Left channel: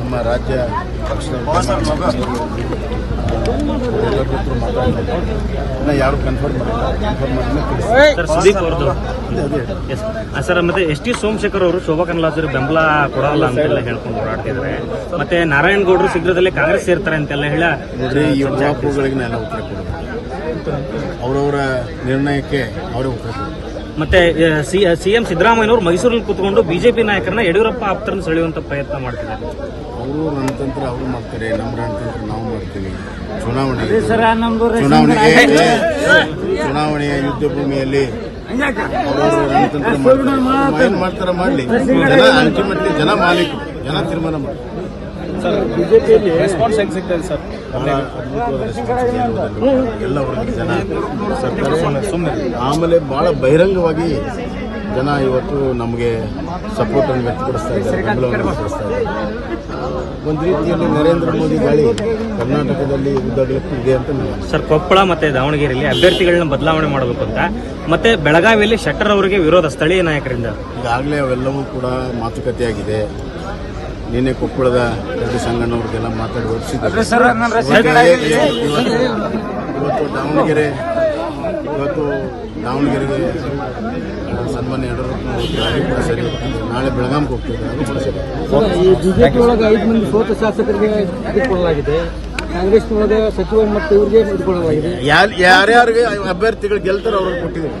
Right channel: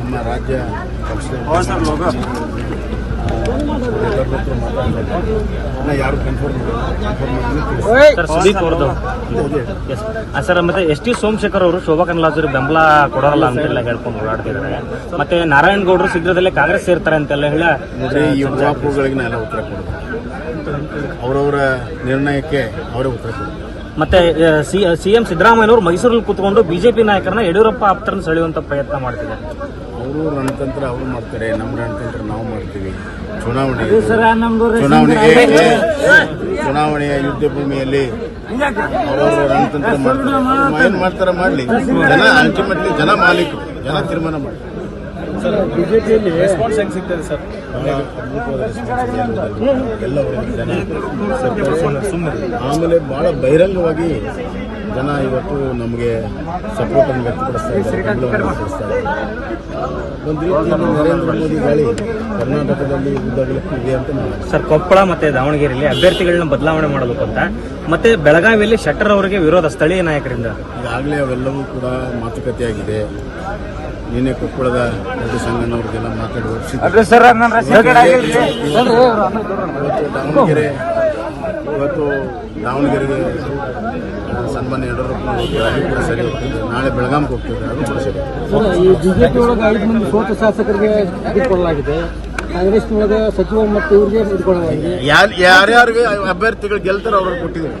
ನಮ್ಮ ರಾಜ್ಯ ಪಕ್ಷದ ಎಲ್ಲರ ಹತ್ರ ಮಾತಾಡಿದ್ದಾರೆ. ಇನ್ನು ಯಾರು ಕನ್ಫರ್ಮ್ ಸರ್. ಮತ್ತೆ ಎಸ್ ಟಿ ಸೋಮಶೇಖರ್ ಅವರು ಶೋಭಾ ಕರಂದ್ಲಾಜೆ ಬೆಂಬಲ ಕೊಡಲ್ಲ ಅಂತೆಲ್ಲ ಹೇಳ್ಕೊಂಡು ಓಡಾಡ್ತಿದ್ದಾರೆ. ಮತ್ತೆ ನಾರಾಯಣಗೌಡರು ಶೀಘ್ರದಲ್ಲೇ ಕಾಂಗ್ರೆಸ್ ಸೇರ್ತಾರೆ ಅಂತೆಲ್ಲ ಹೇಳ ನೋಡ್ರಿ, ಈ ಊಹಾಪೋಹಗಳಿಗೆ ಎಲ್ಲ ಉತ್ತರ ಕೊಡೋದು, ಅವರವರ ನಿರ್ಣಯಕ್ಕೆ ಅವರೇ ಉತ್ತರ ಕೊಡೋದು. ಮತ್ತೆ ಸಿಎಂ ಸಿದ್ದರಾಮಯ್ಯನವರು ಮೈಸೂರಲ್ಲಿ ಕೂತ್ಕೊಂಡು ಬಿಜೆಪಿ ನಾಯಕರನ್ನ ಯಡಿಯೂರಪ್ಪ ಆಪ್ತರನ್ನು ಸೆಳೆಯುವಂತ ಪ್ರಯತ್ನ ಮಾಡ್ತಿದ್ದಾರೆ. ಅವರು ರಣತಂತ್ರ ಅವರು ಮಾಡ್ತಾರೆ, ನಮ್ಮ ರಣತಂತ್ರ ನಾವು ಮಾಡ್ತೀವಿ. ಚುನಾವಣೆಯ ಯುದ್ಧ ಭೂಮಿಯಲ್ಲಿ ಅವರು ರಣತಂತ್ರ ಮಾಡ್ತಾರೆ. ಏನ್ ಮಾಡ್ತಾರ ಮಾಡ್ಲಿ, ಜನ ಅಲ್ಟಿಮೇಟ್ಲಿ ಜನ ಮಾಲೀಕರು, ಜನ ತೀರ್ಮಾನ ಮಾಡ್ತಾರೆ. ಬಿಜೆಪಿಯಲ್ಲಿ ರೆಸ್ಪಾನ್ಸ್ ಹೆಂಗ್ ಸಿಗ್ತದೆ ಸರ್? ಬಹಳ ಅದ್ಭುತವಾದ ರೆಸ್ಪಾನ್ಸ್ ಎಲ್ಲ ವರ್ಗದ ಜನ ಸರ್ಕಾರ. ಆಮೇಲೆ ಬಹಳ ಬಹಿರಂಗವಾಗಿ ಜನ ಇವತ್ತು ನಮಗೆ ಸಪೋರ್ಟ್ ಅನ್ನು ವ್ಯಕ್ತಪಡಿಸ್ತಾ ಇದ್ದಾರೆ, ಬೆಂಬಲವನ್ನು ವ್ಯಕ್ತಪಡಿಸ್ತಾ ಇದ್ದಾರೆ. ಒಂದು ರೀತಿಯಲ್ಲಿ ನರೇಂದ್ರ ಮೋದಿ ಗಾಳಿ ಕರ್ನಾಟಕದಲ್ಲಿ ಉದ್ದಾಗಲಕ್ಕೂ ಇದೆ ಅಂತ ಸರ್. ಕೊಪ್ಪಳ ಮತ್ತೆ ದಾವಣಗೆರೆಯಲ್ಲಿ ಅಭ್ಯರ್ಥಿಗಳನ್ನ ಬದಲಾವಣೆ ಮಾಡಬೇಕು ಅಂತ, ಮತ್ತೆ ಬೆಳಗಾವಿಯಲ್ಲಿ ಶೆಟ್ಟರ್ ಅವರಿಗೆ ವಿರೋಧ ಸ್ಥಳೀಯ ನಾಯಕರಿಂದ. ಈಗಾಗಲೇ ಅವೆಲ್ಲವೂ ಕೂಡ ಮಾತುಕತೆಯಾಗಿದೆ. ನಿನ್ನೆ ಕೊಪ್ಪಳದ ದೊಡ್ಡ ಸಂಘನವ್ರಿಗೆಲ್ಲ ಮಾತಾಡಿ ಹೊರಡಿಸಿದ್ದಾರೆ. ಇವತ್ತು ದಾವಣಗೆರೆಗೆ ಸನ್ಮಾನ್ಯ ಯಡಿಯೂರಪ್ಪನವರು ಹೋಗ್ತಾರೆ, ಅದು ಕೂಡ ಸರಿ ಆಗ್ತದೆ. ನಾಳೆ ಬೆಳಗಾಂಗೆ ಹೋಗ್ತಿದ್ದಾರೆ, ಅದು ಕೂಡ ಸರಿ. ಬಿಜೆಪಿ ಒಳಗೆ 5 ಮಂದಿ ಸೋತ ಶಾಸಕರಿಗೆ ಇಟ್ಕೊಳ್ಳಲಾಗಿದೆ, ಕಾಂಗ್ರೆಸ್ ಒಳಗೆ ಸಚಿವರು ಮತ್ತು ಇವ್ರಿಗೆ ಇಟ್ಕೊಳ್ಳಲಾಗಿದೆ. ಯಾರ್ಯಾರಿಗೆ ಅಭ್ಯರ್ಥಿಗಳು ಗೆಲ್ತಾರೋ ಅವ್ರಿಗೆ ಕೊಟ್ಟಿದ್ದಾರೆ.